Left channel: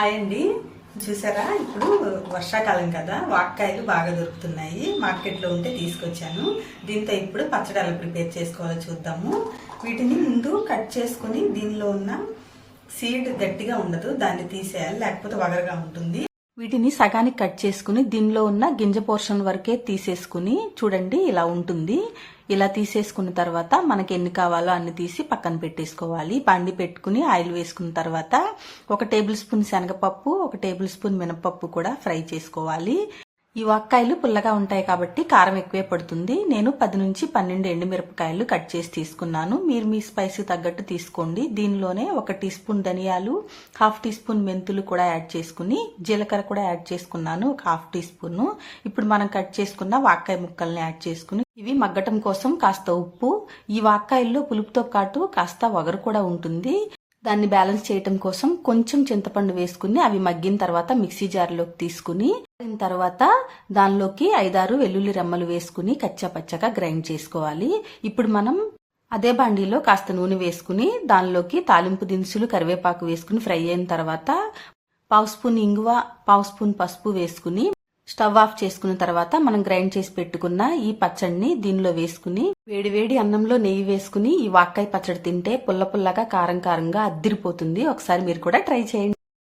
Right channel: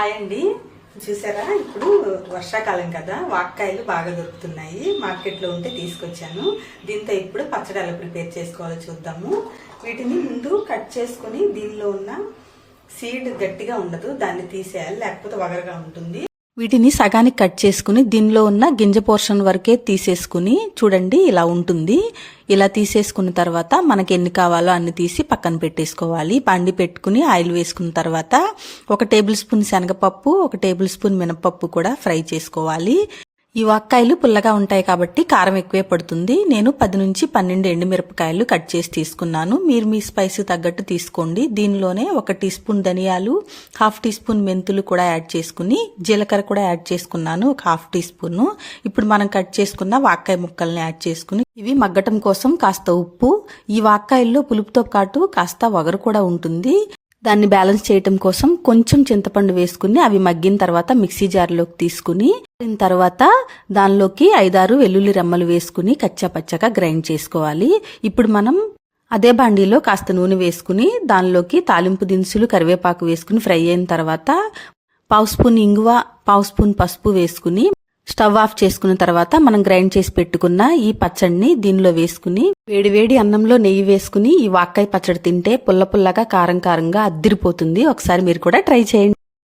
Hi అండి. చూసారా, ఇప్పుడు వర్షాకాలం కదా, వాక్కాయలు బాగా దొరుకుతున్నాయి. మార్కెట్లో ఉంటే తీసుకొచ్చాను. దీంతో ఇప్పుడు పచ్చడి ఎలా ప్రిపేర్ చేసుకోవాలో చూద్దాము. వీటిని ముందు కట్ చేసుకుని దీనిలో ఉన్న సీడ్ గట్టిగా ఉండదు, దాన్ని తీసేయాలి, లేకపోతే వగరగా ఉంటుంది. వీటిని సగానికి కట్ చేసుకుని దీనిలో ఉన్న గింజ పోర్షన్ వరకే తీసేసుకుని చూడండి ఇలా ఉంటుంది. ఇలా తీసేసుకున్న తర్వాత మనకి ఎన్ని కావాలో అన్ని తీసి పక్కన పెట్టేసుకోవాలి. బండి పెట్టుకుని ఆయిల్ వేసుకున్న తర్వాత 1 టేబుల్ స్పూన్ శనగపప్పు, 1 టేబుల్ స్పూన్ మినపప్పు కూడా ఫ్రై చేసుకోవాలి. ఈ వాక్కాయలు పుల్లగా ఉంటాయి కాబట్టి కారం ఎక్కువే పడుతుంది. నేను 10 నుంచి 12 ఎండుమిరపకాయలు కట్ చేసి తీసుకున్నాను. మీరు మీ స్పైసీ తగ్గట్టు తీసుకోండి. దీనిలోనే 1 టీ స్పూన్ ధనియాలు, 1/2 టీ స్పూన్ మెంతులు కూడా యాడ్ చేసుకుని, జీలకర్ర కూడా యాడ్ చేసుకున్నాను 1/2 టీ స్పూన్. ఇప్పుడు మనం కట్ చేసుకున్న వాక్కాయ ముక్కల్ని యాడ్ చేసుకుని ఇవి మగ్గటం కోసం కాస్త ఉప్పు. ఈ వాక్కాయల్లో పులుపుతో పాటు కాస్త వగరు కూడా ఉంటుంది. దాన్ని బ్యాలెన్స్ చేయటం కోసం కొంచెం చింతపండు వేసుకుని అవి మగ్గిన తర్వాత మిక్సీ జార్లోకి తీసుకుని తర్వాత దానిలోకి 5-6 వెల్లుల్లి రెమ్మలు వేసుకుని కచ్చాపచ్చగా గ్రైండ్ చేసుకోవాలి. ఇప్పుడు మనం అదే బాండీలో కాస్త నూనె వేసుకుని దానిలోకి తాలింపు దినుసులు, కరివేపాకు వేసుకుని ఫ్రై అయిన తర్వాత 1/2 స్పూన్ ఇంగువ, 1/2 స్పూన్ పసుపు వేసుకుని స్టవ్ ఆఫ్ చేసుకున్న తర్వాత మనం గ్రైండ్ చేసి పెట్టుకున్న ఈ పచ్చడిని దీనిలో వేసుకుని వేడివేడి అన్నంలో నెయ్యి వేసుకుని ఈ వాక్కాయ పచ్చడి తింటే పుల్ల పుల్లగా, కారం కారంగా అద్దిరిపోతుంది. ఒకసారి మీరు కూడా ట్రై చేయండి.